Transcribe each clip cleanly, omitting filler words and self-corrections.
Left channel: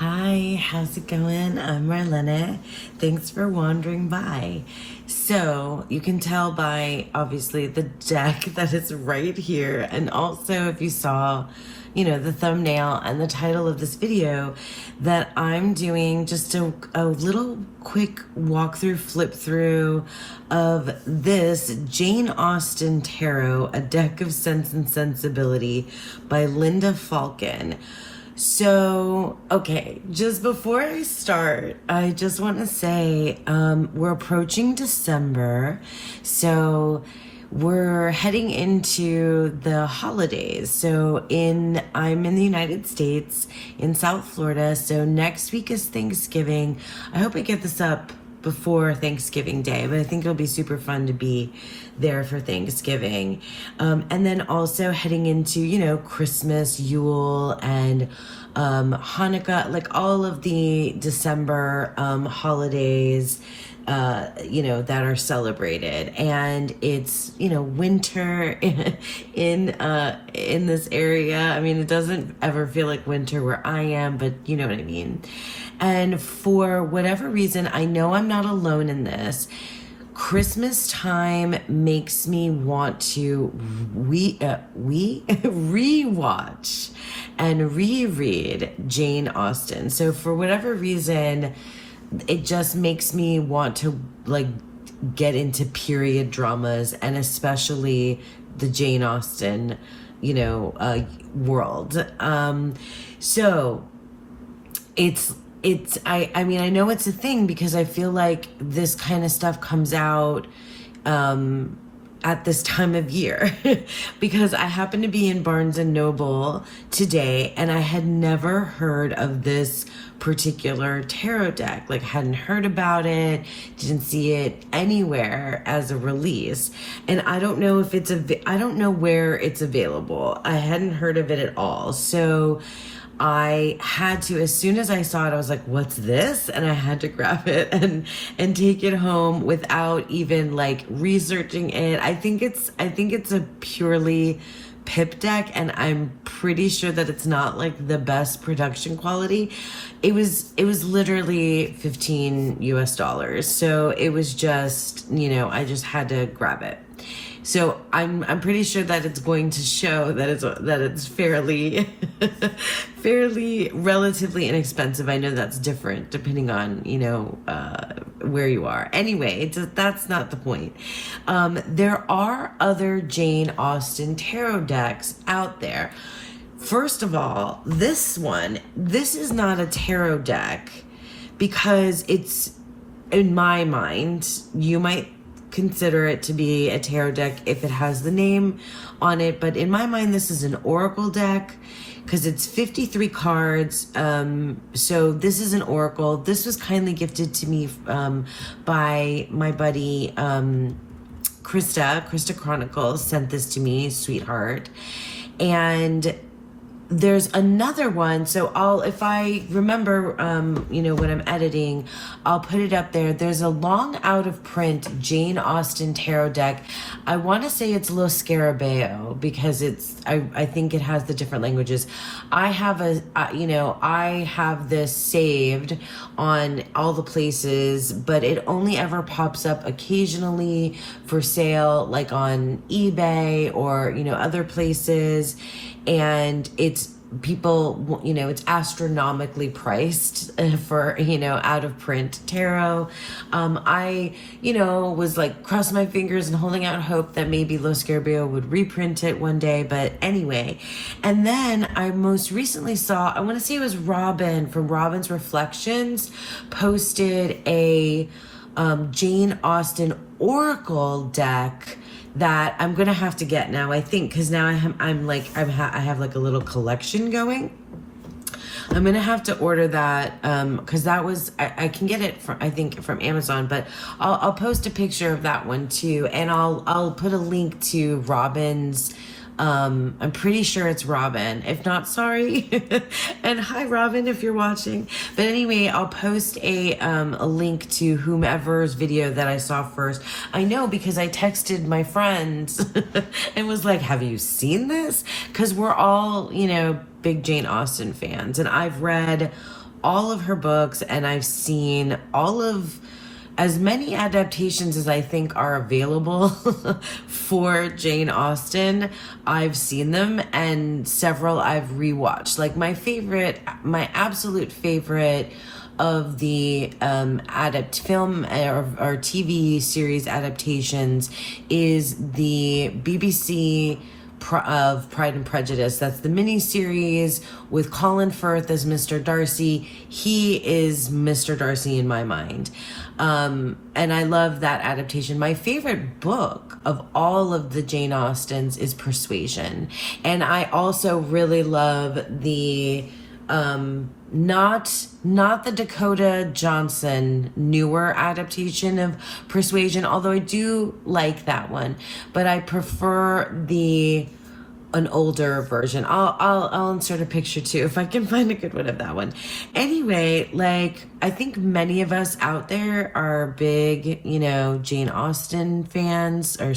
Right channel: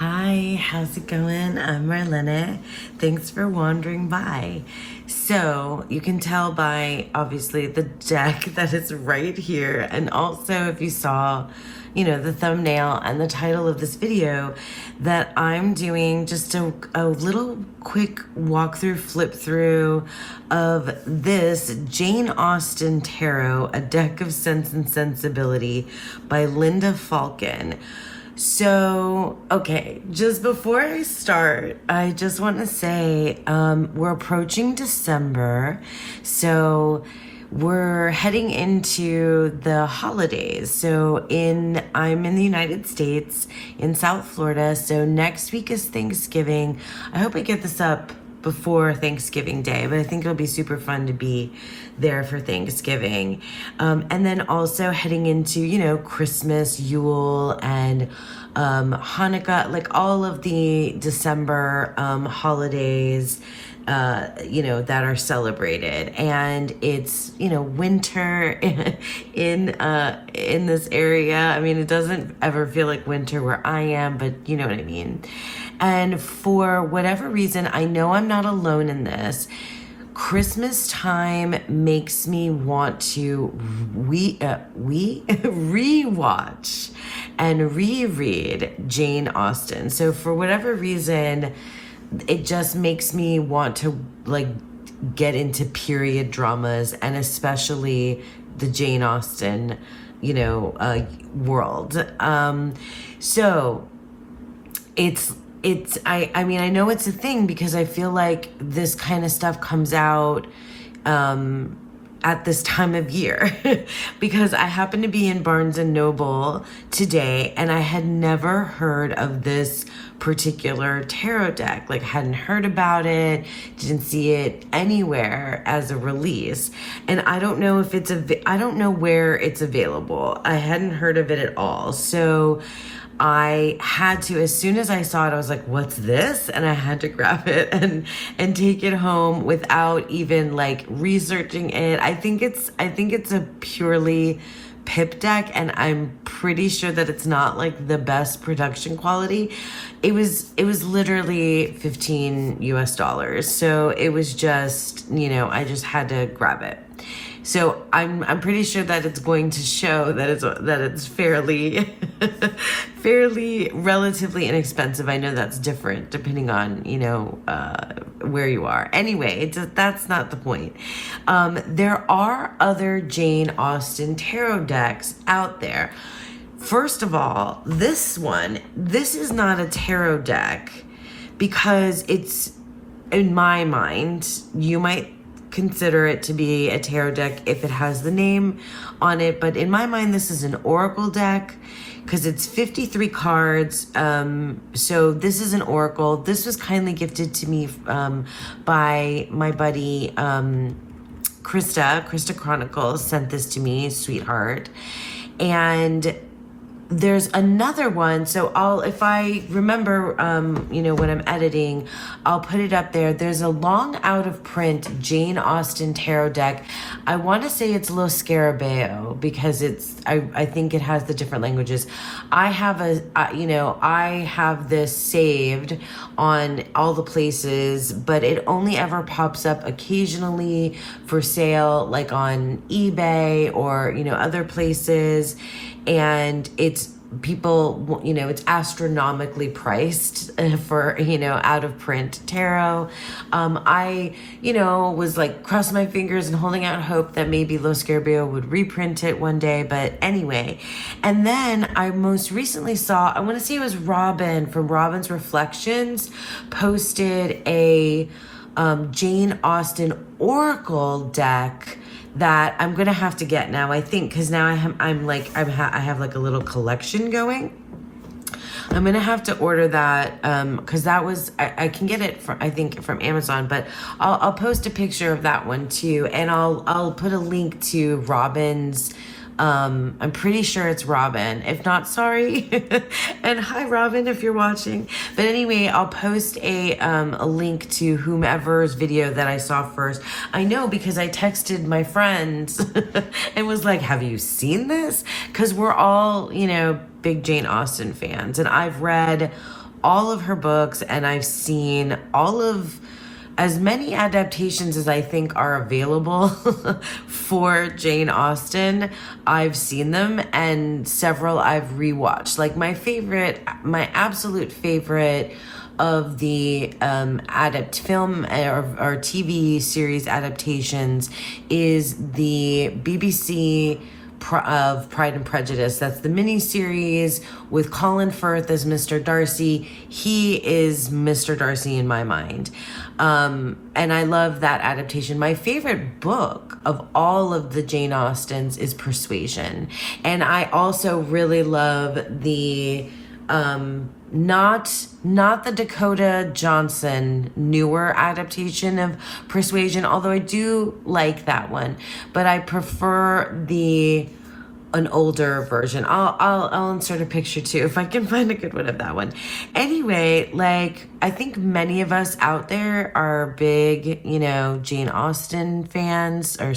Hi, how's it going? I'm Marlena. Thanks for wandering by. So, you can tell by obviously the deck that it's right here, and also if you saw, the thumbnail and the title of this video, that I'm doing just a little quick walkthrough, flip through of this Jane Austen Tarot, A Deck of Sense and Sensibility by Linda Falcon. So, okay, just before I start, I just want to say we're approaching December, so we're heading into the holidays. So I'm in the United States, in South Florida, so next week is Thanksgiving. I hope I get this up before Thanksgiving Day, but I think it'll be super fun to be there for Thanksgiving. And then also heading into, Christmas, Yule, and Hanukkah, like all of the December holidays, that are celebrated. And it's, winter in this area. I mean, it doesn't ever feel like winter where I am, but you know what I mean. And for whatever reason, I know I'm not alone in this. Christmas time makes me want to rewatch and reread Jane Austen. So for whatever reason, it just makes me want to get into period dramas, and especially the Jane Austen, world. So I mean, I know it's a thing because I feel like this kind of stuff comes out at this time of year because I happen to be in Barnes and Noble today, and I had never heard of this particular tarot deck. Hadn't heard about it, didn't see it anywhere as a release, and I don't know if I don't know where it's available. I hadn't heard of it at all, so I had to, as soon as I saw it, I was like, what's this? And I had to grab it and take it home without even researching it. I think it's a purely pip deck, and I'm pretty sure that it's not the best production quality. It was literally $15 US. So it was just, I just had to grab it. So I'm pretty sure that it's going to show that it's fairly relatively inexpensive. I know that's different depending on where you are. Anyway, that's not the point. There are other Jane Austen tarot decks out there. First of all, this is not a tarot deck because it's, in my mind, you might consider it to be a tarot deck if it has the name on it, but in my mind this is an oracle deck because it's 53 cards. So this is an oracle. This was kindly gifted to me by my buddy Krista Chronicles sent this to me, sweetheart. And there's another one, so if I remember, when I'm editing, I'll put it up there. There's a long out of print Jane Austen tarot deck. I want to say it's Lo Scarabeo because I think it has the different languages. I have this saved on all the places, but it only ever pops up occasionally for sale, on eBay or, other places. And it's it's astronomically priced for, out of print tarot. I, was crossing my fingers and holding out hope that maybe Lo Scarabeo would reprint it one day. But anyway, and then I most recently saw, I want to say it was Robin from Robin's Reflections posted a Jane Austen Oracle deck that I'm gonna have to get now, I think, because now I have a little collection going. I'm gonna have to order that because that was I can get it from Amazon, but I'll post a picture of that one too, and I'll put a link to Robin's. I'm pretty sure it's Robin. If not, sorry. And hi, Robin, if you're watching. But anyway, I'll post a link to whomever's video that I saw first. I know because I texted my friends and was like, have you seen this? Because we're all, big Jane Austen fans. And I've read all of her books, and I've seen as many adaptations as I think are available for Jane Austen. I've seen them, and several I've rewatched. Like my absolute favorite of the film or TV series adaptations is the BBC of Pride and Prejudice. That's the miniseries with Colin Firth as Mr. Darcy. He is Mr. Darcy in my mind. And I love that adaptation. My favorite book of all of the Jane Austens is Persuasion. And I also really love the not the Dakota Johnson newer adaptation of Persuasion, although I do like that one, but I prefer an older version. I'll insert a picture too if I can find a good one of that one. Anyway, like I think many of us out there are big, Jane Austen fans, or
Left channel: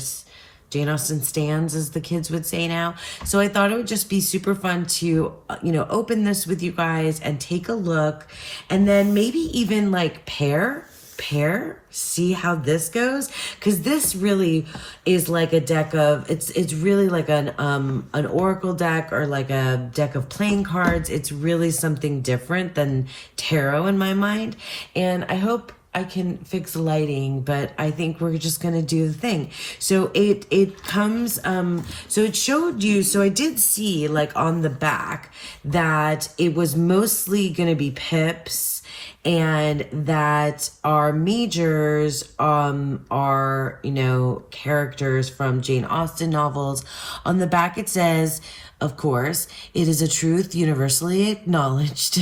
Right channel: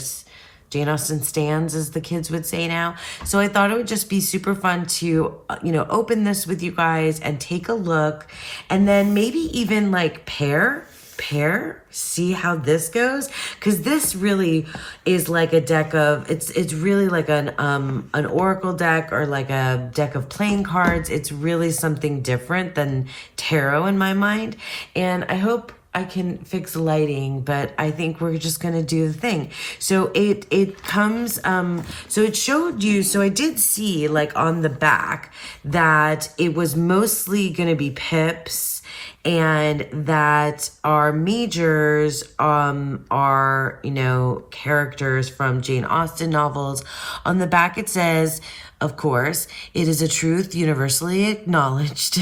Jane Austen stans, as the kids would say now. So I thought it would just be super fun to, open this with you guys and take a look, and then maybe even like pair, see how this goes, because this really is like a deck of, it's really like an oracle deck, or like a deck of playing cards. It's really something different than tarot in my mind, and I hope I can fix the lighting, but I think we're just gonna do the thing. So it comes, so it showed you, so I did see like on the back that it was mostly gonna be pips, and that our majors are, characters from Jane Austen novels. On the back it says, of course, it is a truth universally acknowledged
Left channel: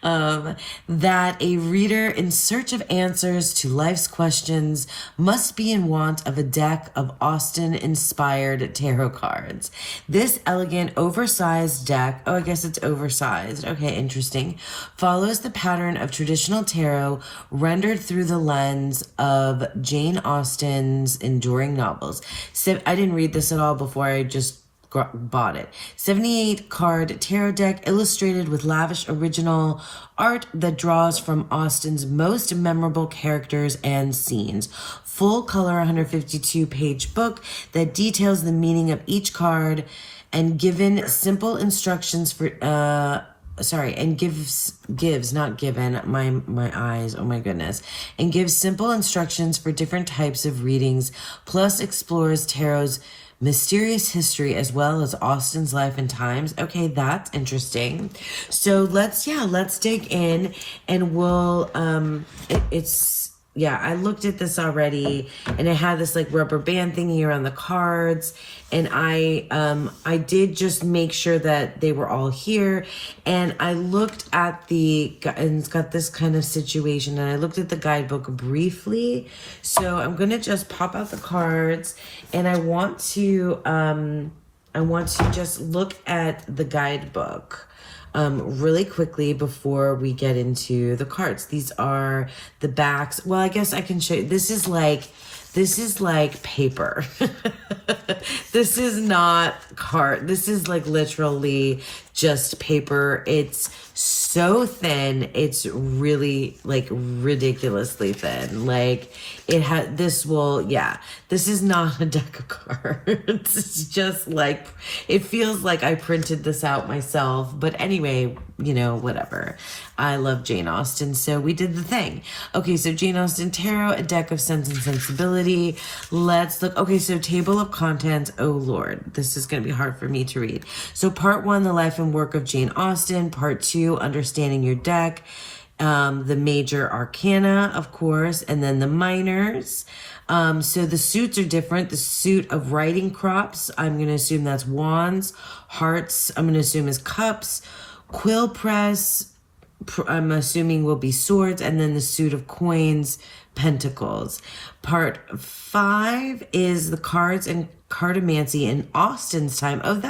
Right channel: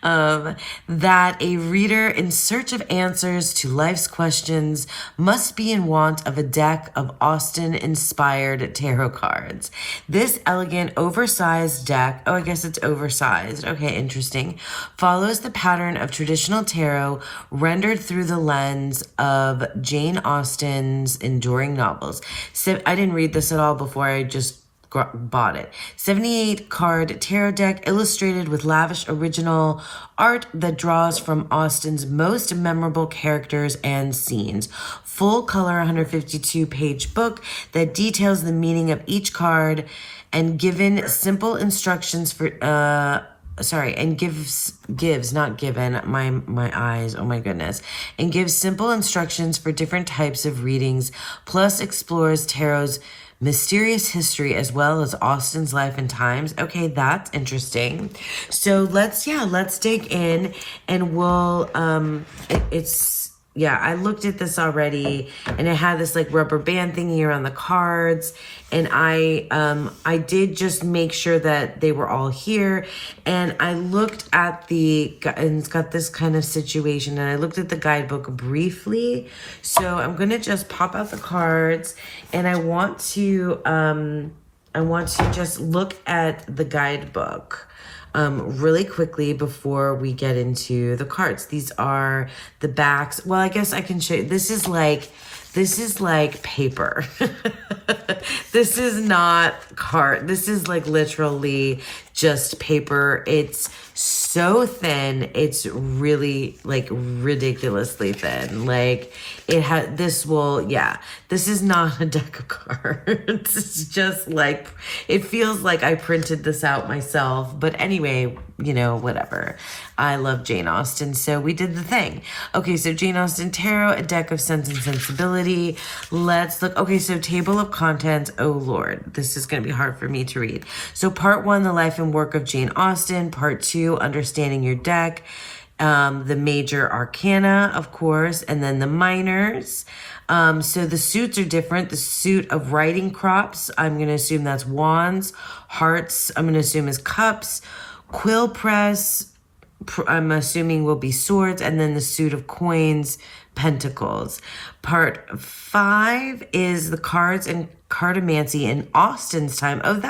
that a reader in search of answers to life's questions must be in want of a deck of Austen-inspired tarot cards. This elegant, oversized deck, I guess it's oversized, okay, interesting, follows the pattern of traditional tarot rendered through the lens of Jane Austen's enduring novels. So I didn't read this at all before I just bought it. 78 card tarot deck illustrated with lavish original art that draws from Austen's most memorable characters and scenes. Full color 152 page book that details the meaning of each card and given simple instructions for my eyes, oh my goodness, and gives simple instructions for different types of readings, plus explores tarot's mysterious history as well as Austen's life and times. Okay, that's interesting. So let's dig in, and we'll, I looked at this already, and it had this like rubber band thingy around the cards, and I did just make sure that they were all here, and I looked at and it's got this kind of situation, and I looked at the guidebook briefly. So I'm gonna just pop out the cards, and I want to just look at the guidebook really quickly before we get into the cards. These are the backs. Well, I guess I can show you. This is like paper. This is not card. This is like literally just paper. It's so thin. It's really like ridiculously thin. Like this is not a deck of cards. It's just like, it feels like I printed this out myself. But anyway, whatever. I love Jane Austen, so we did the thing. Okay, so Jane Austen Tarot, a deck of Sense and Sensibility. Let's look. Okay, so table of contents. Oh Lord, this is going to be hard for me to read. So part 1, the life and work of Jane Austen. Part 2, understanding your deck. The major arcana, of course, and then the minors. So the suits are different. The suit of writing crops, I'm going to assume that's wands. Hearts, I'm going to assume is cups. Quill press, I'm assuming will be swords. And then the suit of coins, pentacles. Part 5 is the cards and cartomancy in Austen's time. Oh,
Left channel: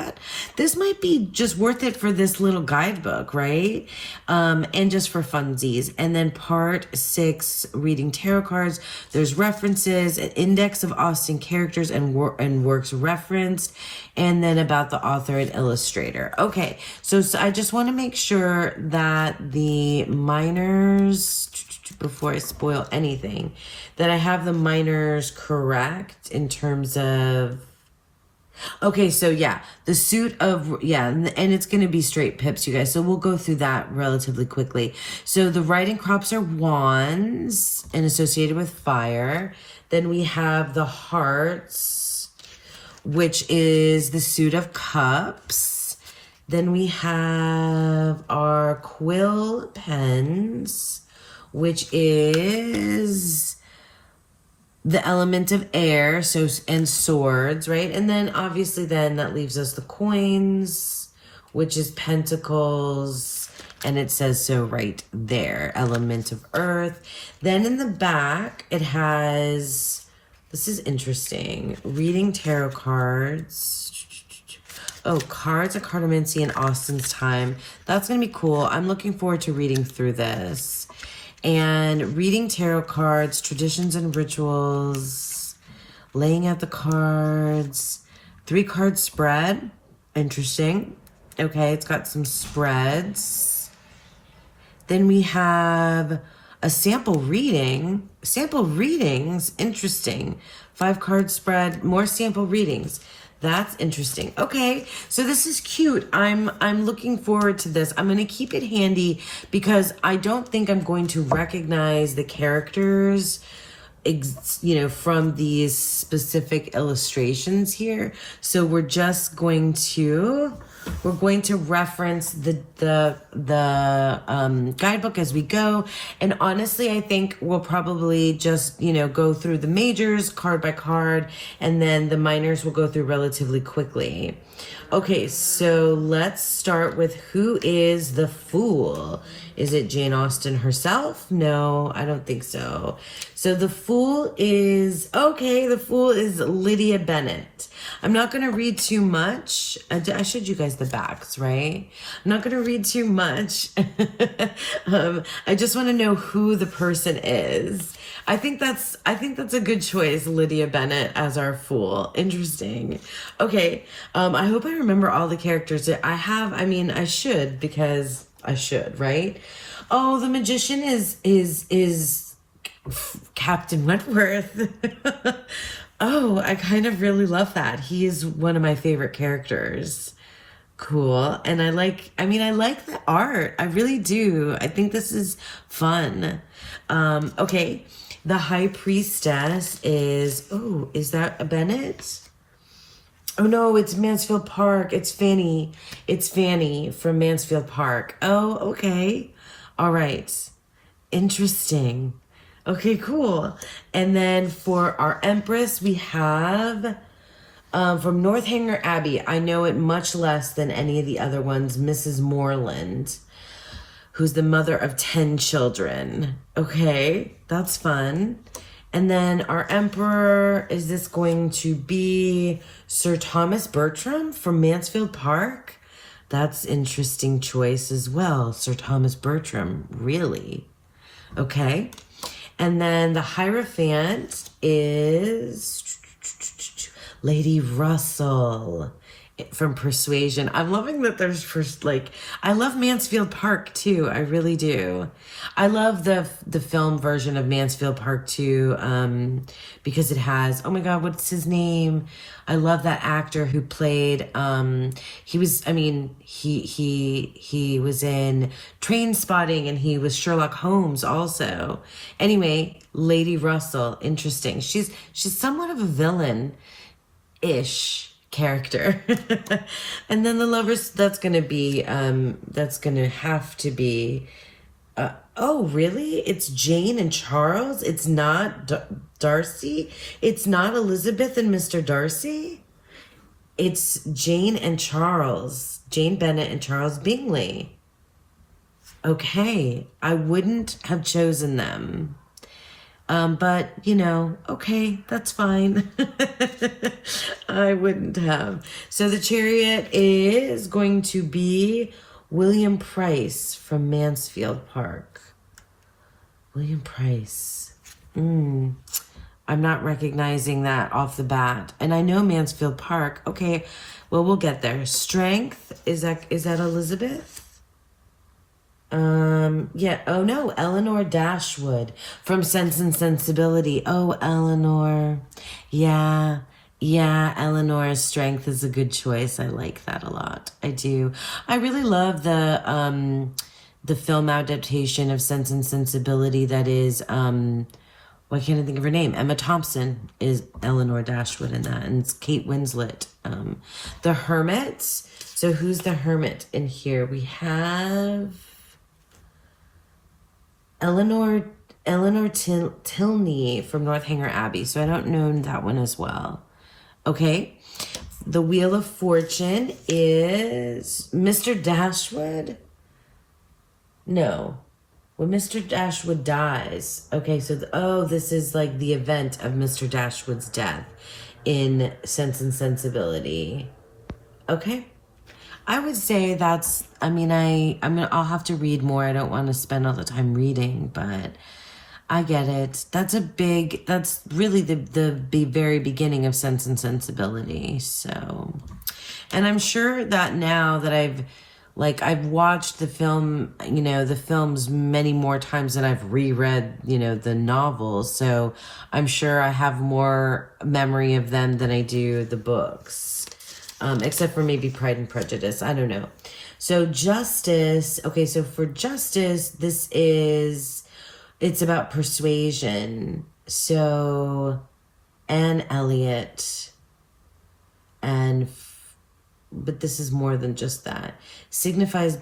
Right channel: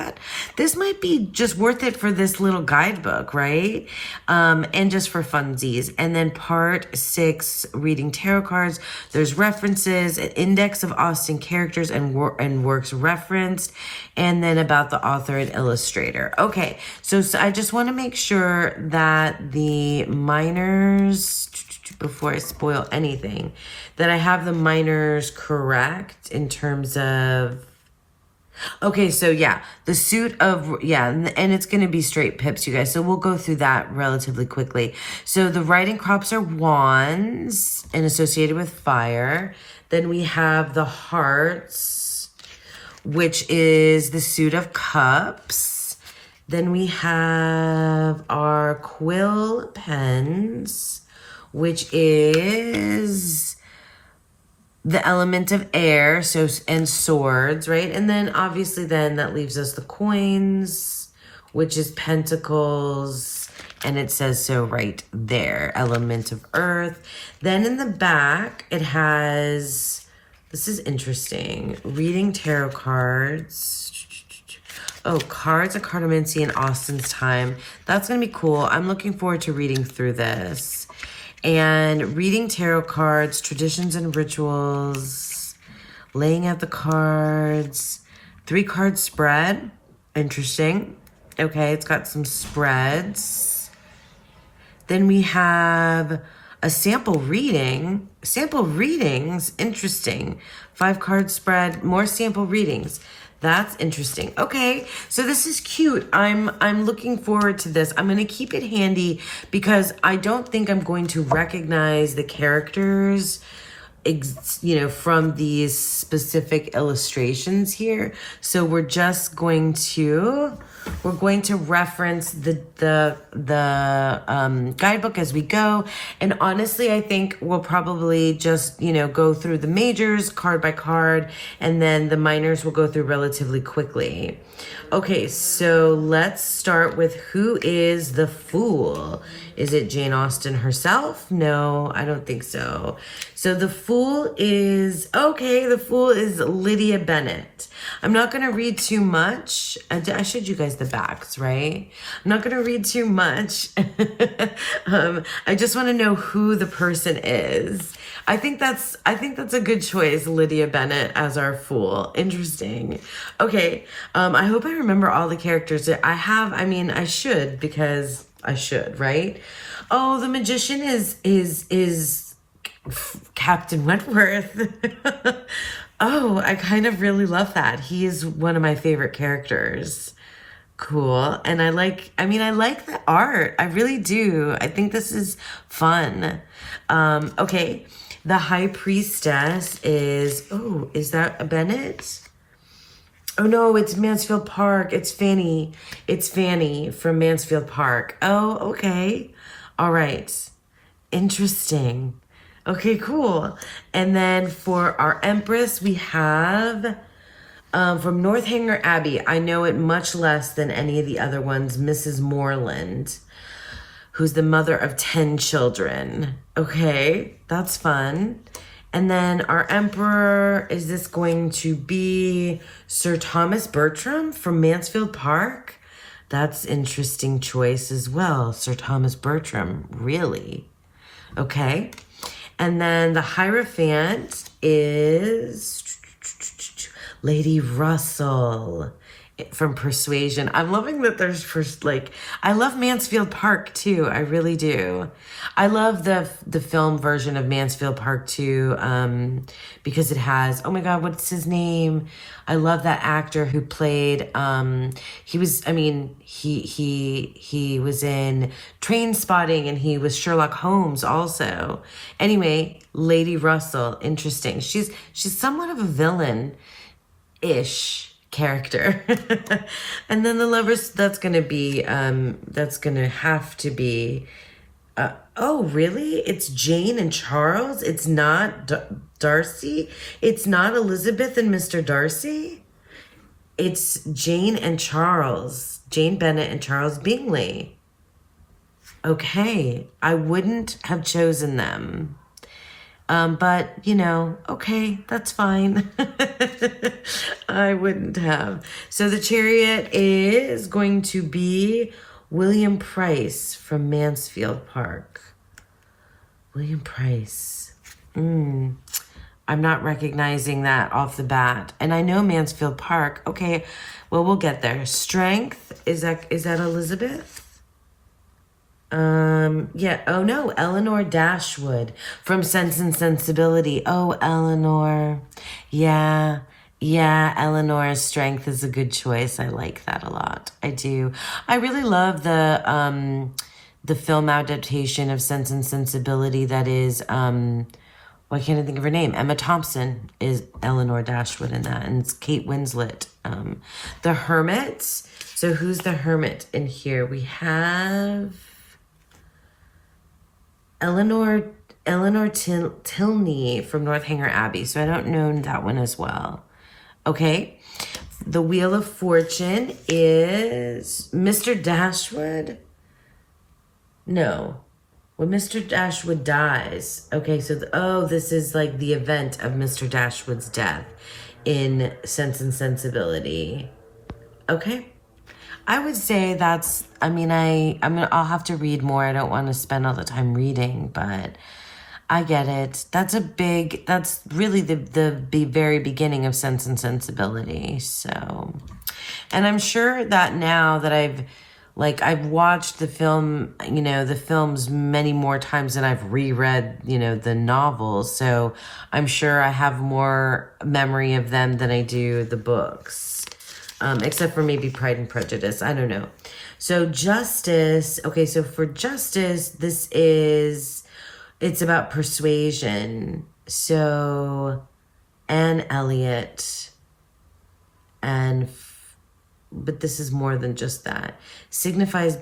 this might be just worth it for this little guidebook, right? And just for funsies. And then part 6, reading tarot cards. There's references, an index of Austen characters and works referenced, and then about the author and illustrator. Okay, so I just want to make sure that the minors, before I spoil anything, that I have the minors correct in terms of, okay, so yeah, the suit of, yeah, and it's going to be straight pips, you guys. So we'll go through that relatively quickly. So the riding crops are wands and associated with fire. Then we have the hearts, which is the suit of cups. Then we have our quill pens, which is the element of air, so, and swords, right? And then obviously then that leaves us the coins, which is pentacles, and it says so right there, element of earth. Then in the back, it has, this is interesting, reading tarot cards. Oh, cards of cartomancy in Austen's time. That's going to be cool. I'm looking forward to reading through this. And reading tarot cards, traditions and rituals, laying out the cards, 3-card spread. Interesting. Okay, it's got some spreads. Then we have a sample reading. Sample readings, interesting. 5-card spread, more sample readings. That's interesting. Okay, so this is cute. I'm looking forward to this. I'm going to keep it handy because I don't think I'm going to recognize the characters, you know, from these specific illustrations here. So we're just going to reference the guidebook as we go. And honestly, I think we'll probably just, you know, go through the majors card by card, and then the minors will go through relatively quickly. Okay, so let's start with who is the Fool. Is it Jane Austen herself? No, I don't think so. So the Fool is, okay, the Fool is Lydia Bennet. I'm not going to read too much. I showed you guys the backs, right? I'm not going to read too much. I just want to know who the person is. I think that's a good choice, Lydia Bennet as our Fool. Interesting. Okay, I hope I remember all the characters that I have. I mean, I should, because I should, right? Oh, the Magician is Captain Wentworth. Oh, I kind of really love that. He is one of my favorite characters. Cool. And I like the art. I really do. I think this is fun. Okay. The High Priestess is, oh, is that a Bennett? Oh no, it's Mansfield Park. It's Fanny. It's Fanny from Mansfield Park. Oh, okay. All right. Interesting. Okay, cool. And then for our Empress, we have from Northanger Abbey. I know it much less than any of the other ones, Mrs. Moreland, who's the mother of 10 children. Okay, that's fun. And then our Emperor, is this going to be Sir Thomas Bertram from Mansfield Park? That's interesting choice as well. Sir Thomas Bertram, really? Okay. And then the Hierophant is Lady Russell from Persuasion. I'm loving that there's first, like, I love Mansfield Park too. I really do. I love the film version of Mansfield Park too, because it has, oh my God, what's his name? I love that actor who played, he was in Train Spotting, and he was Sherlock Holmes also. Anyway, Lady Russell, interesting. She's somewhat of a villain-ish character. And then the Lovers, that's gonna have to be, oh really? It's Jane and Charles? It's not Darcy? It's not Elizabeth and Mr. Darcy? It's Jane and Charles. Jane Bennet and Charles Bingley. Okay, I wouldn't have chosen them. But, you know, okay, that's fine. I wouldn't have. So the Chariot is going to be William Price from Mansfield Park. William Price. I'm not recognizing that off the bat. And I know Mansfield Park. Okay, well, we'll get there. Strength, is that Elizabeth? Yeah, oh no, Eleanor Dashwood from Sense and Sensibility. Oh, Eleanor. Yeah, Eleanor's Strength is a good choice. I like that a lot. I do. I really love the film adaptation of Sense and Sensibility that is, why can't I think of her name? Emma Thompson is Eleanor Dashwood in that, and it's Kate Winslet. The Hermit. So who's the Hermit in here? We have Eleanor Tilney from Northanger Abbey. So I don't know that one as well. Okay. The Wheel of Fortune is Mr. Dashwood. No. When Mr. Dashwood dies. Okay, so this is like the event of Mr. Dashwood's death in Sense and Sensibility. Okay. I would say that's, I mean, I'll have to read more. I don't want to spend all the time reading, but I get it. That's really the very beginning of Sense and Sensibility. So, and I'm sure that now that I've watched the film, the films many more times than I've reread, the novels. So I'm sure I have more memory of them than I do the books. Except for maybe Pride and Prejudice. I don't know. So Justice. Okay, so for Justice, it's about persuasion. So Anne Elliot. But this is more than just that. Signifies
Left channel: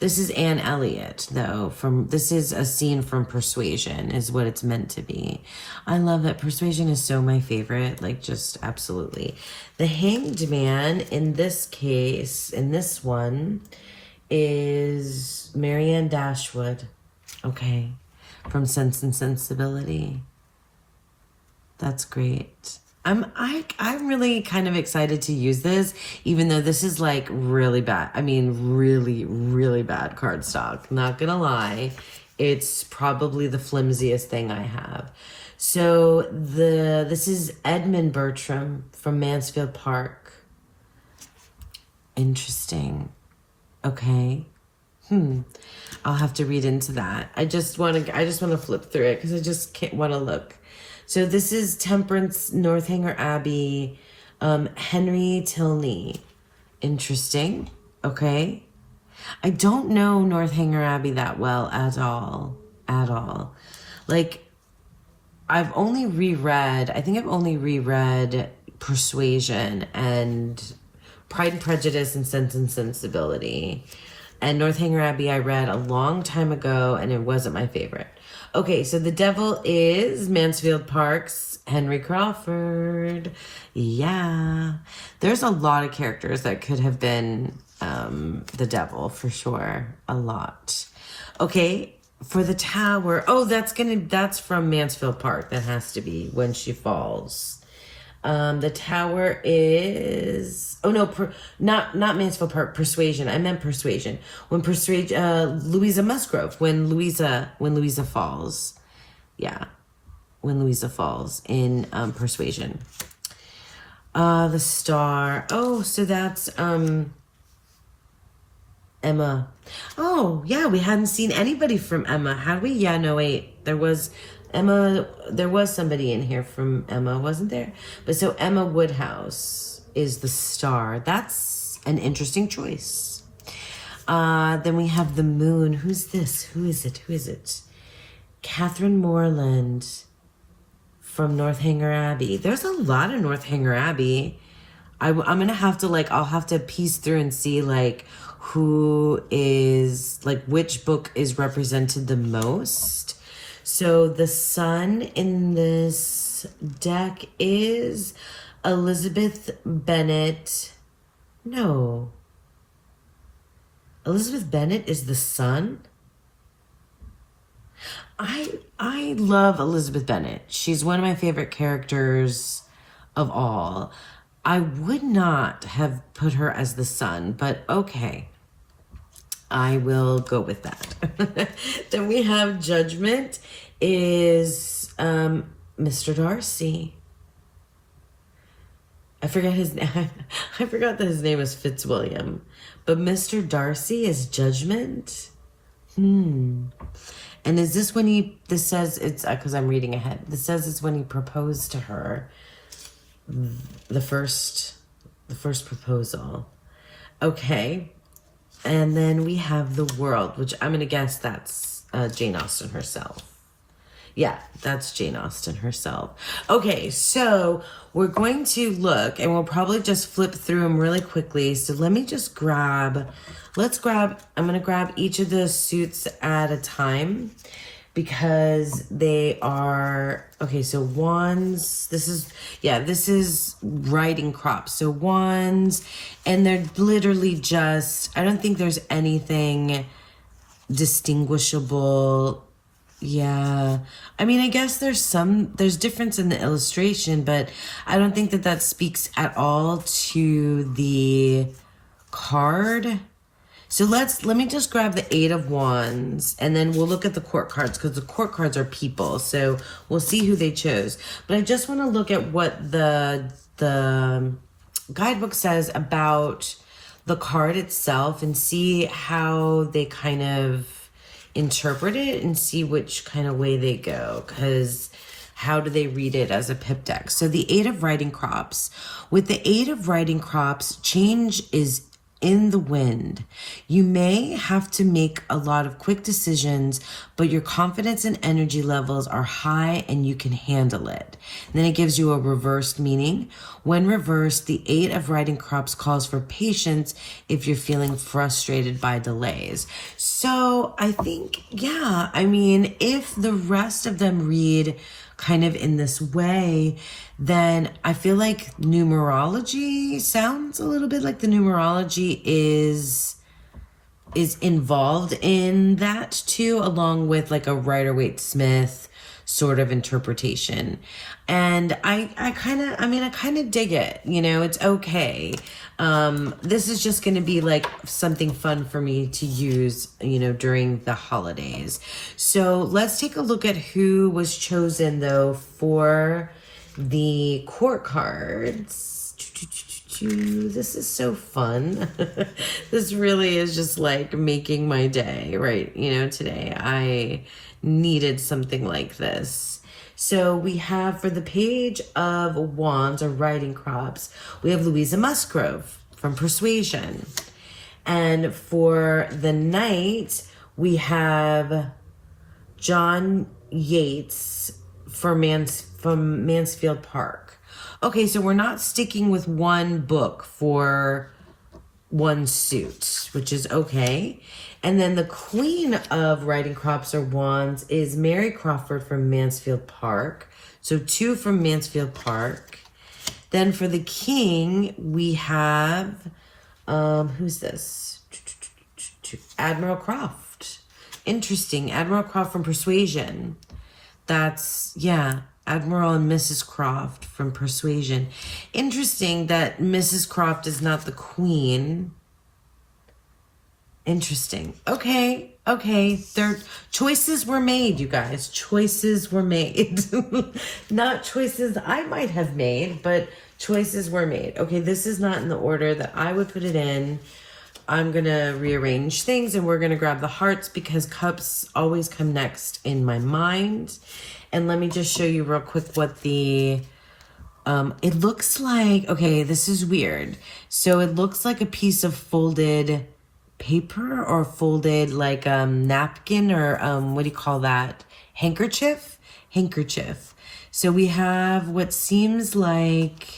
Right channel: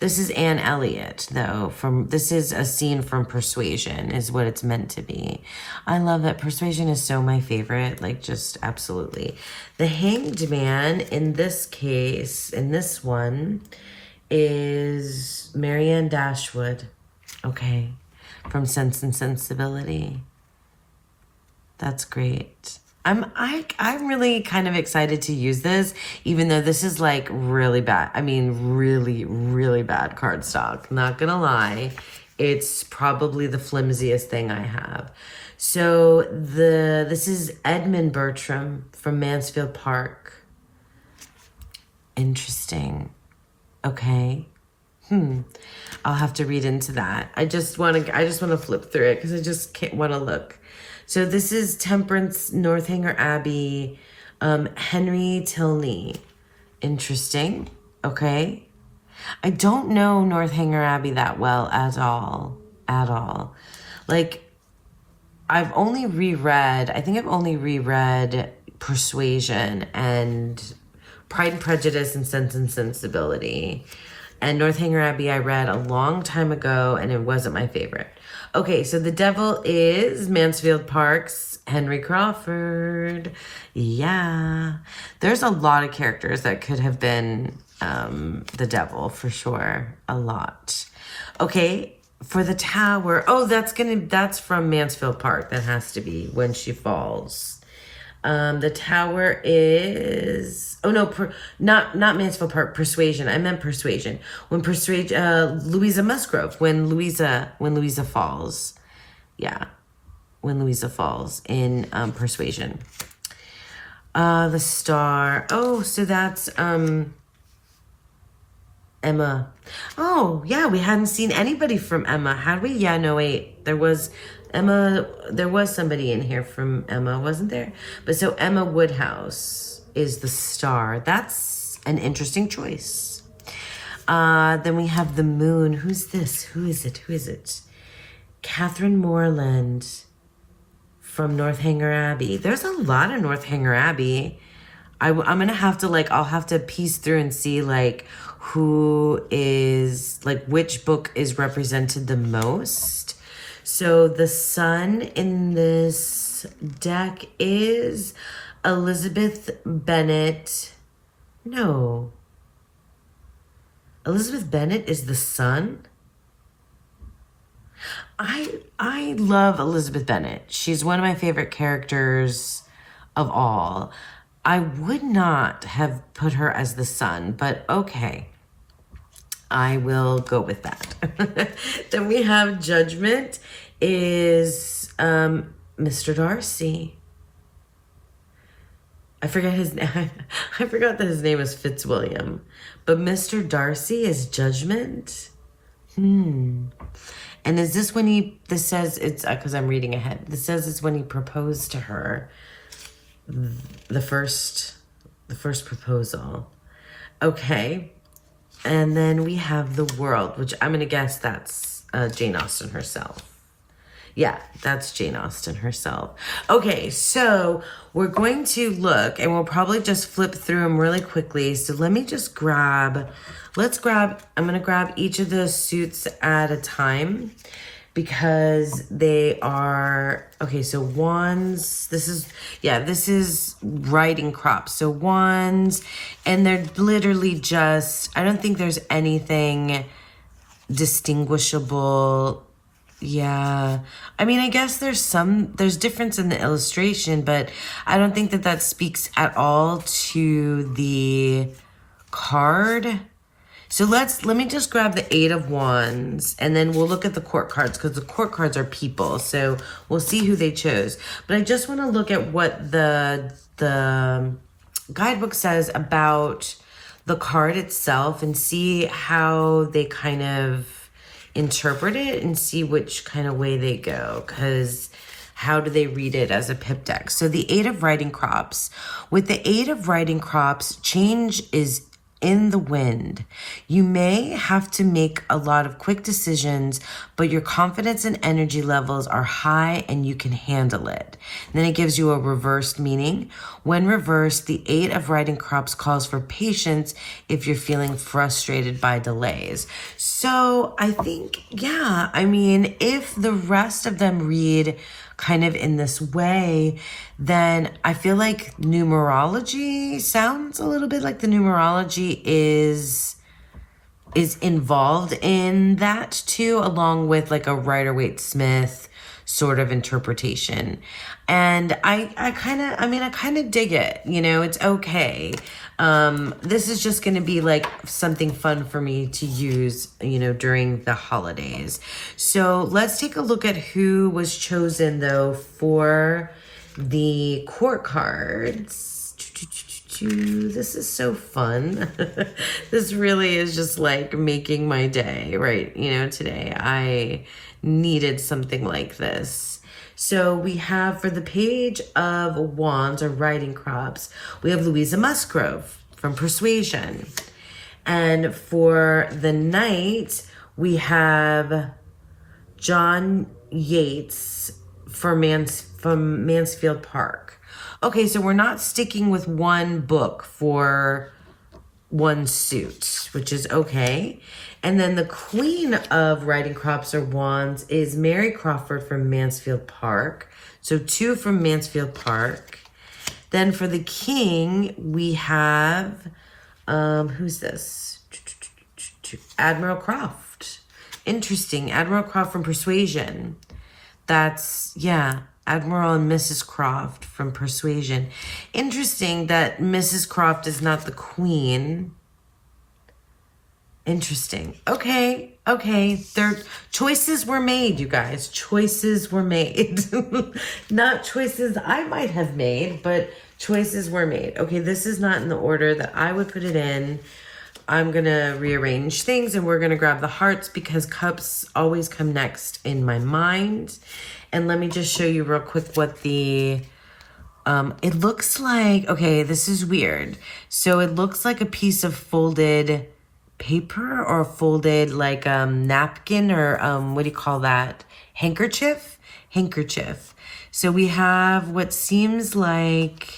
This is Anne Elliot, though. This is a scene from Persuasion, is what it's meant to be. I love it. Persuasion is so my favorite, just absolutely. The Hanged Man, in this case, in this one, is Marianne Dashwood. Okay, from Sense and Sensibility. That's great. I'm really kind of excited to use this, even though this is really bad. I mean, really, really bad cardstock. Not gonna lie. It's probably the flimsiest thing I have. So this is Edmund Bertram from Mansfield Park. Interesting. Okay. I'll have to read into that. I just want to flip through it because I just can't want to look. So this is Temperance, Northanger Abbey, Henry Tilney. Interesting. Okay. I don't know Northanger Abbey that well at all. I've only reread Persuasion and Pride and Prejudice and Sense and Sensibility. And Northanger Abbey I read a long time ago, and it wasn't my favorite. Okay, so the devil is Mansfield Park's Henry Crawford. Yeah. There's a lot of characters that could have been the devil, for sure. A lot. Okay, for the tower. Oh, that's from Mansfield Park. That has to be When She Falls. The tower is, not Mansfield Park, Persuasion. I meant Persuasion. Louisa Musgrove, when Louisa falls. Yeah. When Louisa falls in, Persuasion. The star. Oh, so that's, Emma. Oh, yeah, we hadn't seen anybody from Emma, had we? Yeah, no, wait. There was somebody in here from Emma, wasn't there? But so Emma Woodhouse is the star. That's an interesting choice. Then we have the moon. Who's this? Who is it? Catherine Morland from Northanger Abbey. There's a lot of Northanger Abbey. I'm going to have to, I'll have to piece through and see, who is, which book is represented the most. So the sun in this deck is Elizabeth Bennet. No. Elizabeth Bennet is the sun? I love Elizabeth Bennet. She's one of my favorite characters of all. I would not have put her as the sun, but okay. I will go with that. Then we have Judgment is Mr. Darcy. I forgot his name. I forgot that his name was Fitzwilliam. But Mr. Darcy is Judgment. And is this when this says it's, because I'm reading ahead. This says it's when he proposed to her. The first proposal. Okay. And then we have the World, which I'm going to guess that's Jane Austen herself. Yeah, that's Jane Austen herself. Okay, so we're going to look, and we'll probably just flip through them really quickly. So let me just I'm going to grab each of those suits at a time because they are, okay, so wands, this is riding crops. So wands, and they're literally just, I don't think there's anything distinguishable. Yeah, I mean, I guess there's difference in the illustration, but I don't think that speaks at all to the card. So let me just grab the 8 of Wands, and then we'll look at the court cards, because the court cards are people, so we'll see who they chose. But I just want to look at what the guidebook says about the card itself and see how they kind of interpret it and see which kind of way they go, because how do they read it as a pip deck? So the 8 of riding crops. With the 8 of riding crops, change is in the wind. You may have to make a lot of quick decisions, but your confidence and energy levels are high and you can handle it. And then it gives you a reversed meaning. When reversed, the 8 of riding crops calls for patience if you're feeling frustrated by delays. So I think, yeah, I mean, if the rest of them read kind of in this way, then I feel like numerology sounds a little bit like the numerology is involved in that too, along with like a Rider-Waite-Smith sort of interpretation. And I kind of dig it, you know, it's okay. This is just going to be like something fun for me to use, you know, during the holidays. So let's take a look at who was chosen though for the court cards. This is so fun. This really is just like making my day, right? You know, today I needed something like this. So we have for the Page of Wands or riding crops, we have Louisa Musgrove from Persuasion. And for the Knight, we have John Yates from Mansfield Park. Okay, so we're not sticking with one book for one suit, which is okay. And then the Queen of Riding Crops or Wands is Mary Crawford from Mansfield Park. So 2 from Mansfield Park. Then for the King, we have, who's this? Admiral Croft. Interesting. Admiral Croft from Persuasion. That's, yeah, Admiral and Mrs. Croft from Persuasion. Interesting that Mrs. Croft is not the Queen. Interesting. Okay. Choices were made, you guys. Choices were made. Not choices I might have made, but choices were made. Okay, this is not in the order that I would put it in. I'm going to rearrange things, and we're going to grab the hearts because cups always come next in my mind. And let me just show you real quick what the... it looks like... Okay, this is weird. So it looks like a piece of folded paper or folded like napkin or what do you call that? Handkerchief. So we have what seems like,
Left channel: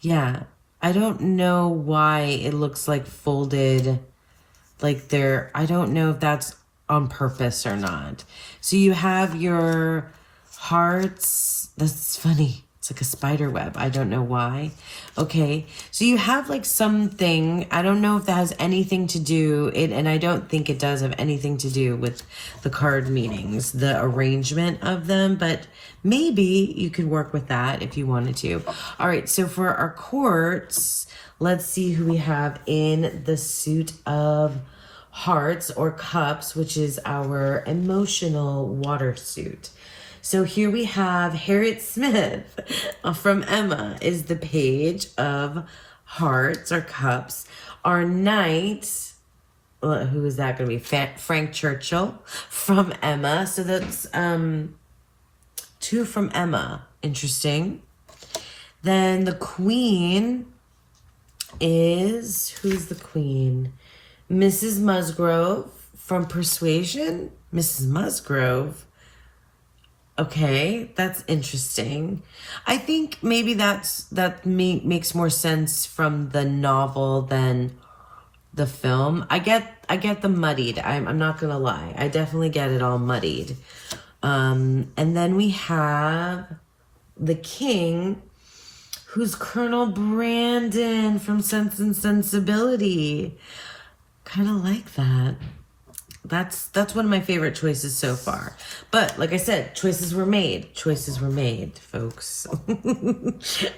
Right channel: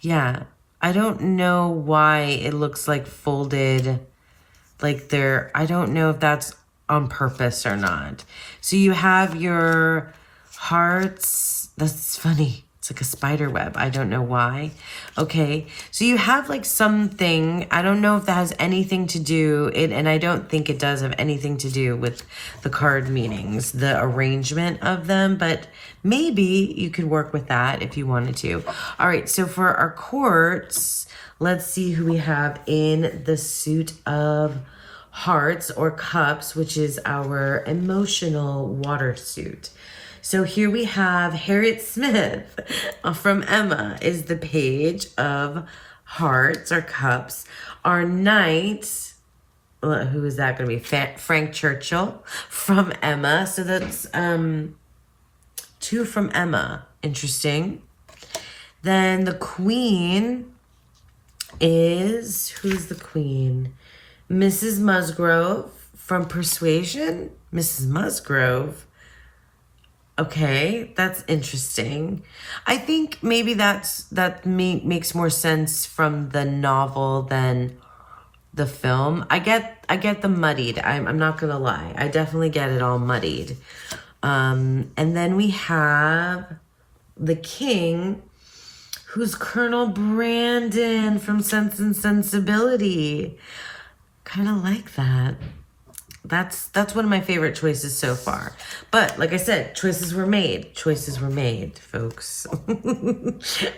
yeah, I don't know why it looks like folded like I don't know if that's on purpose or not. So you have your hearts. That's funny. It's like a spider web. I don't know why. Okay. So you have like something. I don't know if that has anything to do and I don't think it does have anything to do with the card meanings, the arrangement of them, but maybe you could work with that if you wanted to. All right. So for our courts, let's see who we have in the suit of Hearts or Cups, which is our emotional water suit. So here we have Harriet Smith from Emma is the Page of Hearts or Cups. Our Knight, who is that going to be? Frank Churchill from Emma. So that's 2 from Emma. Interesting. Then the Queen is, who's the Queen? Mrs. Musgrove from Persuasion. Mrs. Musgrove. Okay, that's interesting. I think maybe that makes more sense from the novel than the film. I get the muddied. I'm not gonna lie. I definitely get it all muddied. And then we have the King, who's Colonel Brandon from Sense and Sensibility. Kind of like that. That's one of my favorite choices so far. But like I said, choices were made. Choices were made, folks.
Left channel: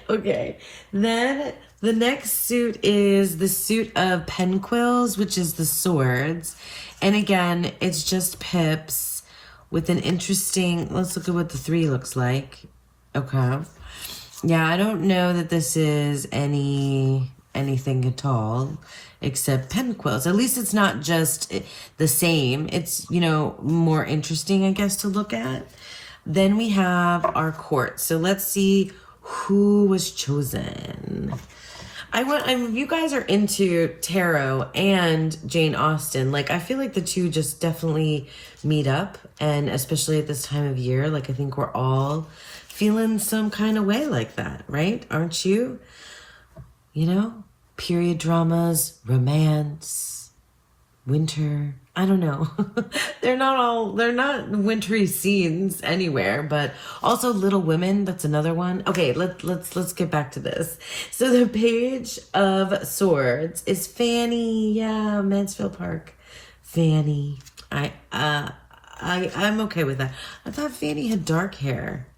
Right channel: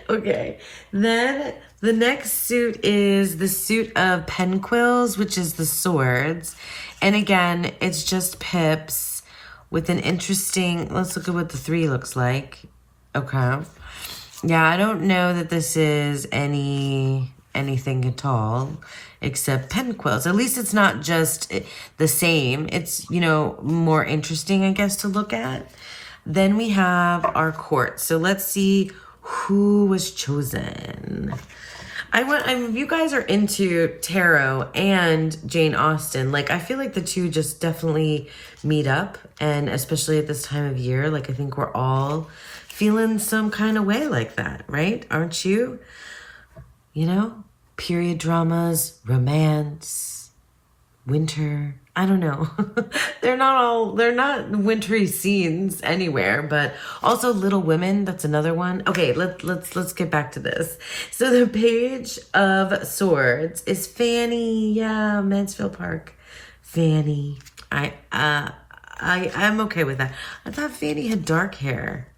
Okay. Then the next suit is the suit of pen quills, which is the swords. And again, it's just pips with an interesting, let's look at what the 3 looks like. Okay. Yeah, I don't know that this is anything at all except pen quills. At least it's not just the same. It's, more interesting, I guess, to look at. Then we have our court. So let's see who was chosen. If you guys are into tarot and Jane Austen, I feel like the two just definitely meet up. And especially at this time of year, I think we're all feeling some kind of way like that, right? Aren't you? Period dramas, romance, winter. I don't know. they're not wintry scenes anywhere, but also Little Women, that's another one. Okay, let's get back to this. So the Page of Swords is Fanny. Yeah, Mansfield Park. Fanny. I'm okay with that. I thought Fanny had dark hair.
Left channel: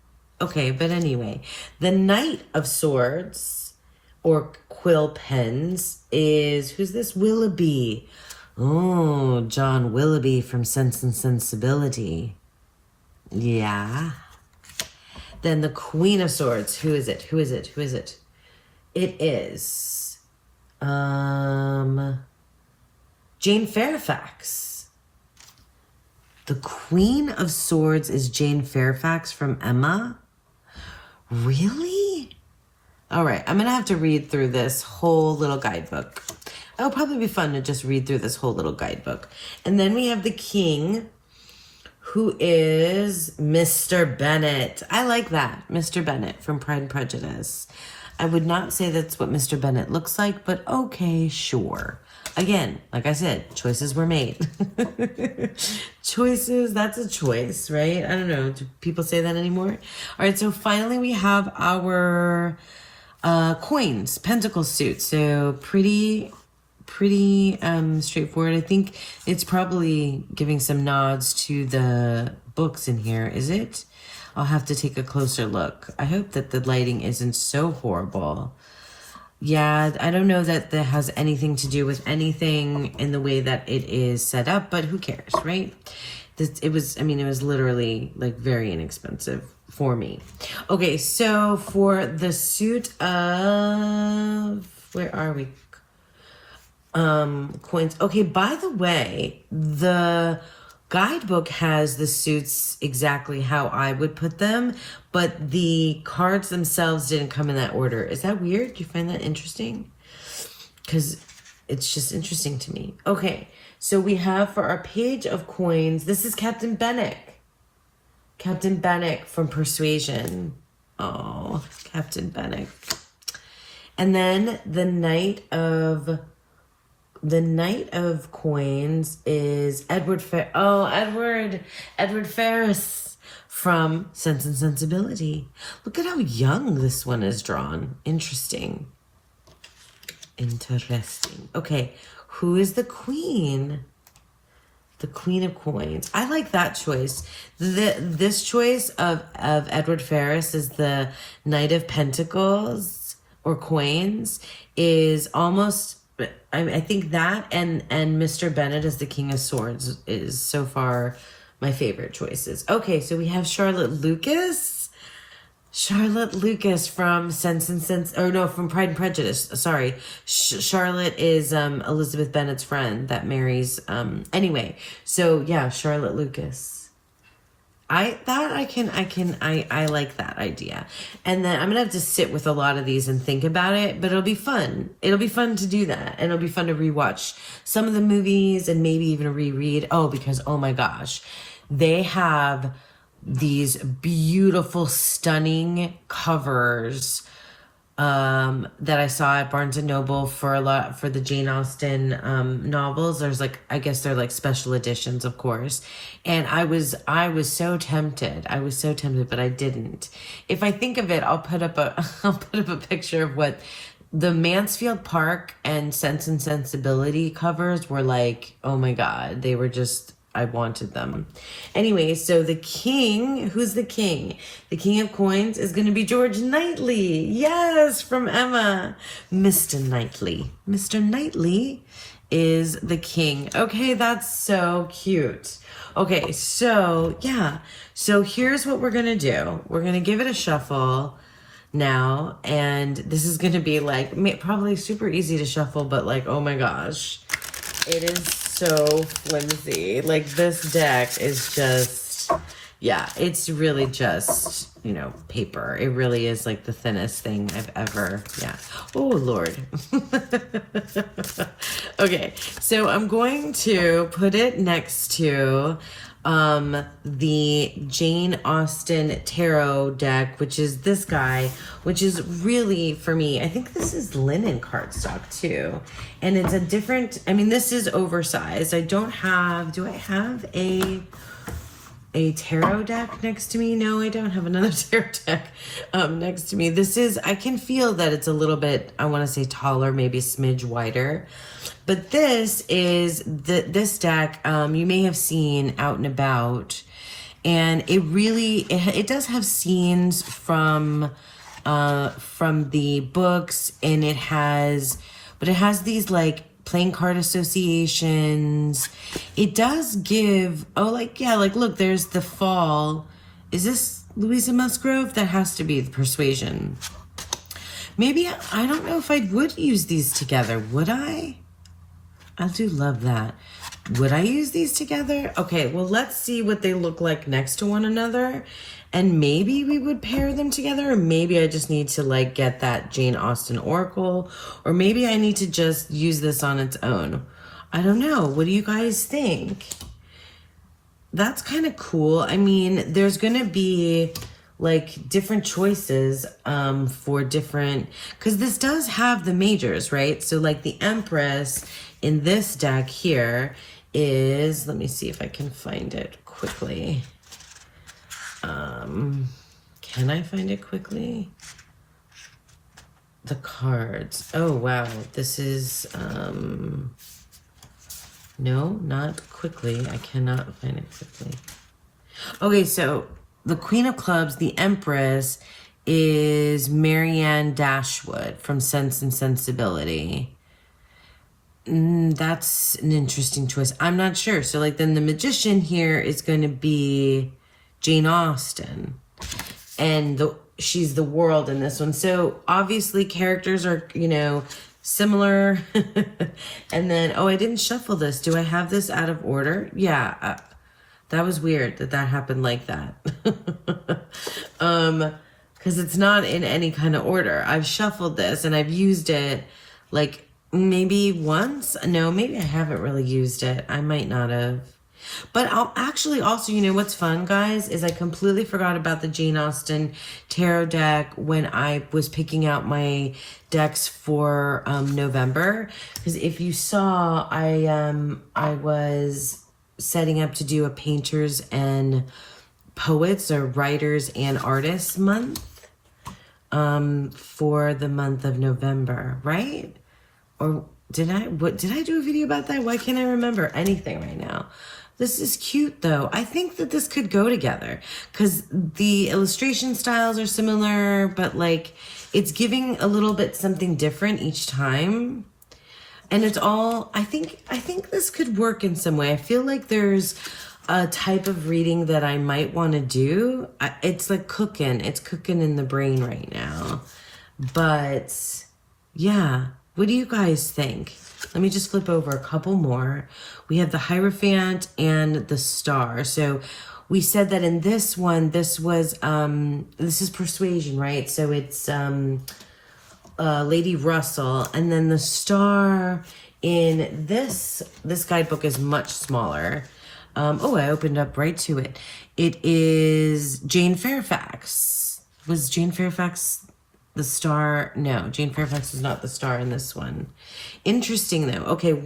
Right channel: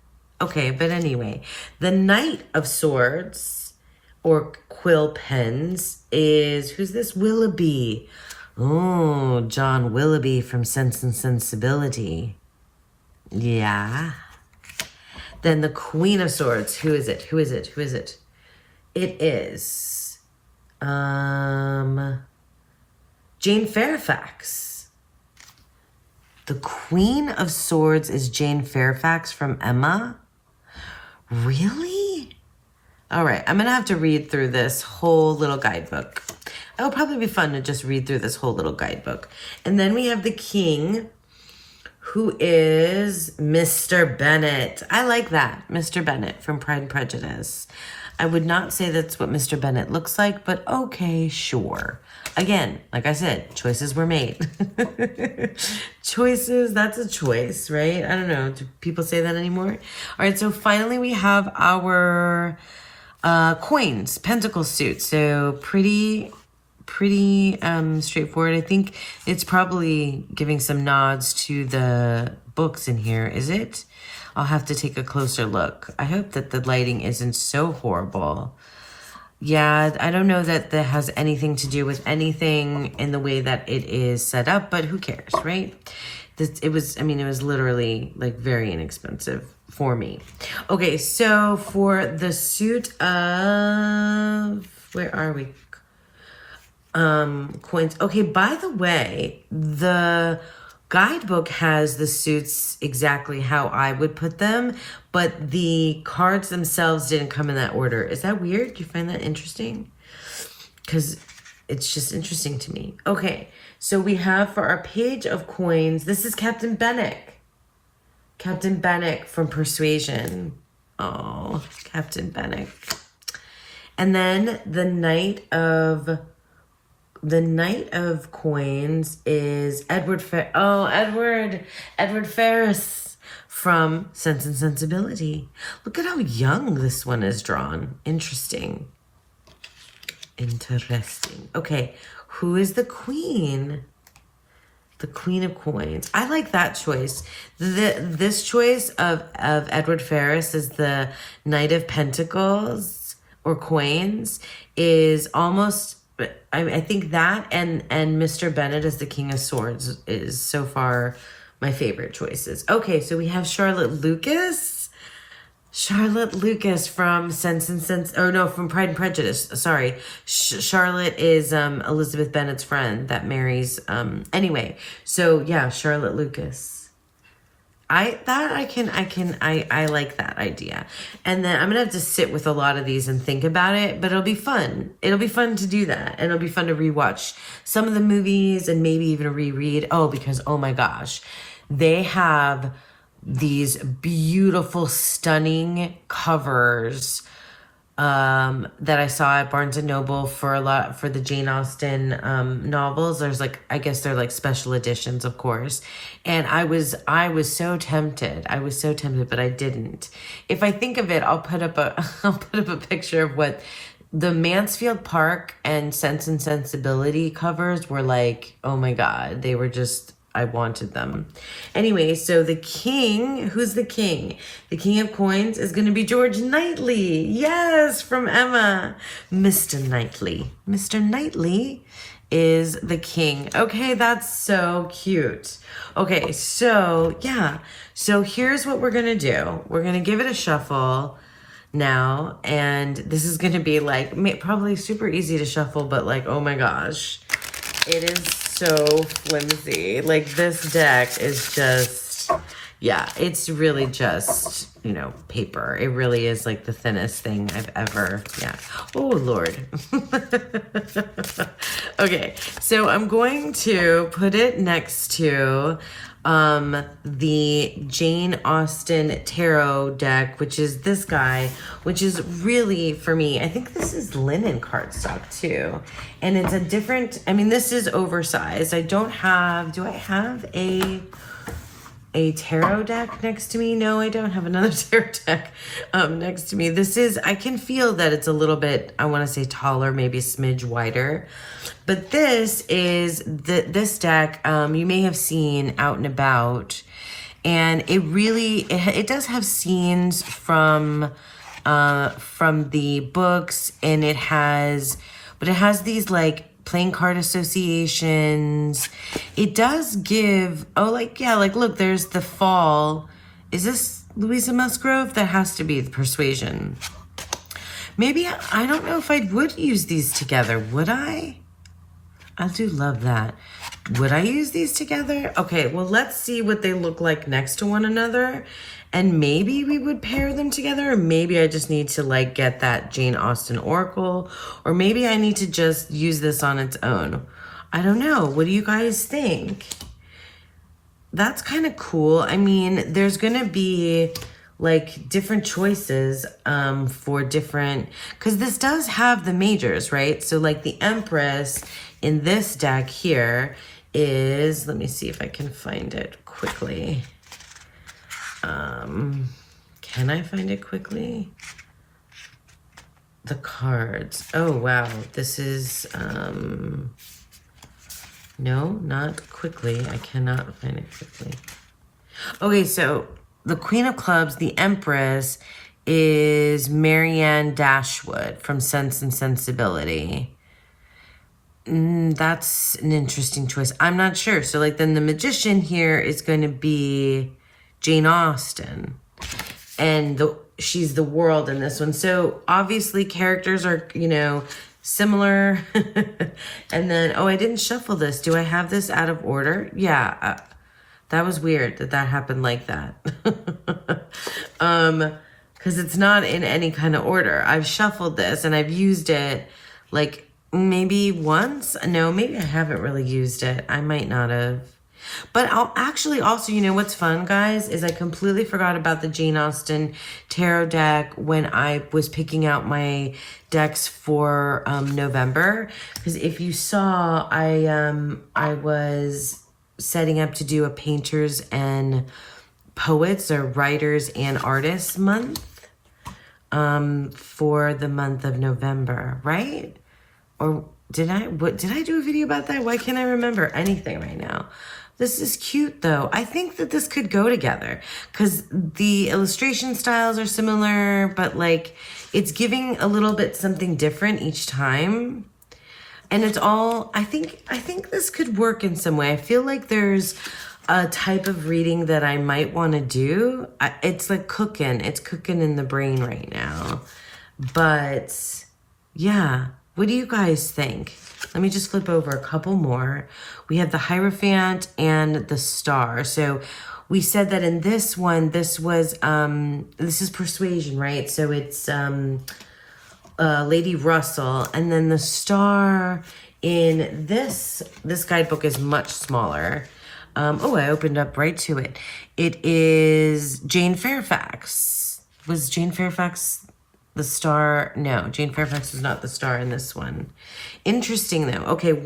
Okay, but anyway, the Knight of Swords or quill pens is, who's this? Willoughby. Oh, John Willoughby from Sense and Sensibility. Yeah. Then the Queen of Swords. Who is it? It is Jane Fairfax. The Queen of Swords is Jane Fairfax from Emma. Really? All right, I'm going to have to read through this whole little guidebook. It'll probably be fun to just read through this whole little guidebook. And then we have the King, who is Mr. Bennet. I like that, Mr. Bennet from Pride and Prejudice. I would not say that's what Mr. Bennet looks like, but okay, sure. Again, like I said, choices were made. Choices, that's a choice, right? I don't know. Do people say that anymore? All right, so finally we have our coins, pentacle suit. So pretty straightforward. I think it's probably giving some nods to the books in here. Is it? I'll have to take a closer look. I hope that the lighting isn't so horrible. Yeah, I don't know that that has anything to do with anything in the way that it is set up, but who cares, right? It was literally very inexpensive for me. Okay, so for the suit of, where are we? Coins. Okay, by the way, the guidebook has the suits exactly how I would put them, but the cards themselves didn't come in that order. Is that weird? Do you find that interesting? Because it's just interesting to me. Okay, so we have for our Page of Coins, this is Captain Benwick. Captain Benwick from Persuasion. Oh, Captain Benwick. And then the Knight of Coins is Edward Ferrars from Sense and Sensibility. Look at how young this one is drawn. Interesting. Okay, who is the Queen? The Queen of Coins. I like that choice. This choice of Edward Ferrars as the Knight of Pentacles or Coins is almost but I think that and Mr. Bennet as the King of Swords is so far my favorite choices. Okay, so we have Charlotte Lucas. Charlotte Lucas from from Pride and Prejudice. Sorry. Charlotte is Elizabeth Bennet's friend that marries anyway. So yeah, Charlotte Lucas. I like that idea. And then I'm gonna have to sit with a lot of these and think about it, but it'll be fun. It'll be fun to do that. And it'll be fun to rewatch some of the movies and maybe even reread. Oh, because oh my gosh, they have these beautiful, stunning covers that I saw at Barnes and Noble for the Jane Austen novels. There's like, I guess they're like special editions, of course. And I was so tempted. I was so tempted, but I didn't. If I think of it, I'll put up a picture of what the Mansfield Park and Sense and Sensibility covers were like. Oh my God, they were just, I wanted them. Anyway, so the king, who's the king? The King of Coins is going to be George Knightley. Yes, from Emma. Mr. Knightley. Mr. Knightley is the king. Okay, that's so cute. Okay, so yeah. So here's what we're going to do. We're going to give it a shuffle now. And this is going to be like probably super easy to shuffle, but like, oh my gosh. It is so flimsy. Like this deck is just, yeah, it's really just, you know, paper. It really is like the thinnest thing I've ever, yeah. Oh, Lord. Okay, so I'm going to put it next to the Jane Austen Tarot deck, which is this guy, which is really, for me, I think this is linen cardstock too. And it's a different, I mean, this is oversized. I don't have, do I have a tarot deck next to me? No, I don't have another tarot deck next to me. This is, I can feel that it's a little bit, I want to say taller, maybe a smidge wider. But this is, this deck you may have seen out and about. And it really, it does have scenes from the books, and it has these like playing card associations. It does give, oh, like, yeah, like, look, there's the fall. Is this Louisa Musgrove? That has to be the Persuasion. Maybe, I don't know if I would use these together. Would I? I do love that. Would I use these together? Okay, well, let's see what they look like next to one another. And maybe we would pair them together. Or maybe I just need to like get that Jane Austen Oracle. Or maybe I need to just use this on its own. I don't know. What do you guys think? That's kind of cool. I mean, there's going to be like different choices for different, because this does have the majors, right? So like the Empress in this deck here is, let me see if I can find it quickly. Can I find it quickly? The cards. Oh, wow. This is, no, not quickly. I cannot find it quickly. Okay, so the Queen of Clubs, the Empress, is Marianne Dashwood from Sense and Sensibility. That's an interesting choice. I'm not sure. So like then the Magician here is going to be Jane Austen. And she's the world in this one. So obviously characters are, you know, similar. And then, oh, I didn't shuffle this. Do I have this out of order? Yeah. That was weird that happened like that. Because it's not in any kind of order. I've shuffled this and I've used it like maybe once. No, maybe I haven't really used it. I might not have. But I'll actually also, you know what's fun, guys, is I completely forgot about the Jane Austen Tarot deck when I was picking out my decks for November. Because if you saw, I was setting up to do a painters and poets or writers and artists month for the month of November, right? Or did I do a video about that? Why can't I remember anything right now? This is cute though. I think that this could go together because the illustration styles are similar, but like it's giving a little bit something different each time. And it's all, I think this could work in some way. I feel like there's a type of reading that I might want to do. It's like cooking. It's cooking in the brain right now. But yeah, what do you guys think? Let me just flip over a couple more. We have the Hierophant and the Star. So we said that in this one, this was, this is Persuasion, right? So it's Lady Russell. And then the Star in this guidebook is much smaller. Oh, I opened up right to it. It is Jane Fairfax. Was Jane Fairfax the star? No, Jane Fairfax is not the star in this one. Interesting though. Okay,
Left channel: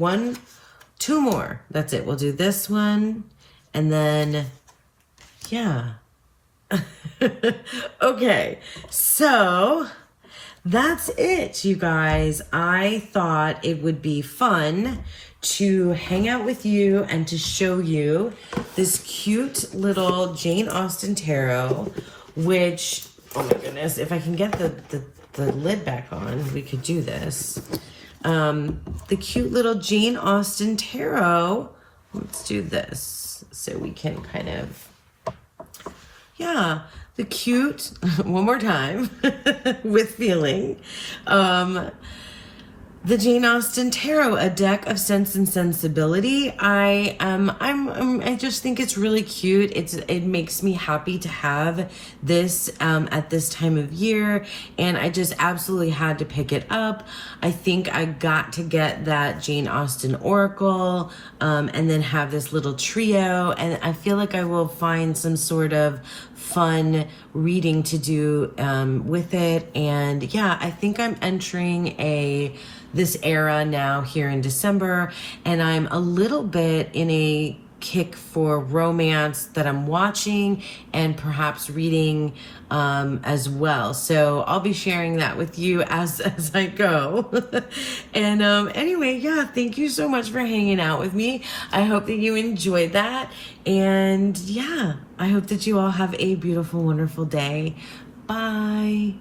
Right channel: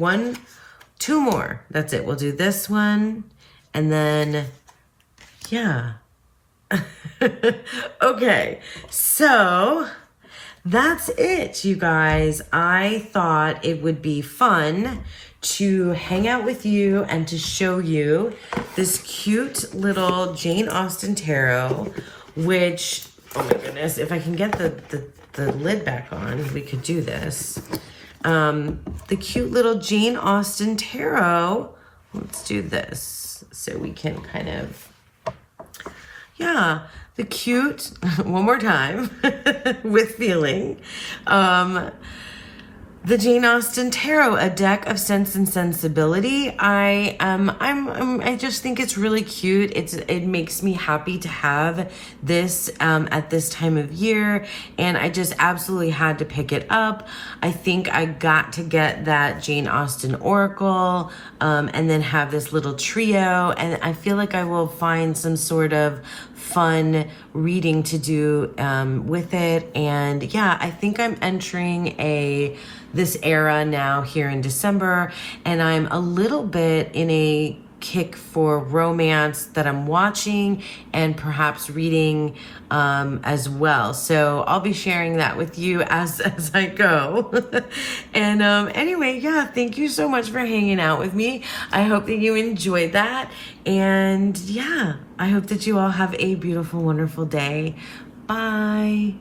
two more. That's it. We'll do this one and then, yeah. Okay, so that's it, you guys. I thought it would be fun to hang out with you and to show you this cute little Jane Austen Tarot, which, oh my goodness, if I can get the lid back on, we could do this. The cute little Jane Austen Tarot. Let's do this so we can kind of, yeah, the cute, one more time, with feeling. The Jane Austen Tarot, a deck of Sense and Sensibility. I just think it's really cute. It makes me happy to have this at this time of year, and I just absolutely had to pick it up. I think I got to get that Jane Austen Oracle, and then have this little trio, and I feel like I will find some sort of fun reading to do with it. And yeah, I think I'm entering this era now here in December, and I'm a little bit in a kick for romance that I'm watching and perhaps reading as well. So I'll be sharing that with you as I go. And anyway, yeah, thank you so much for hanging out with me. I hope that you enjoyed that. And yeah, I hope that you all have a beautiful, wonderful day. Bye.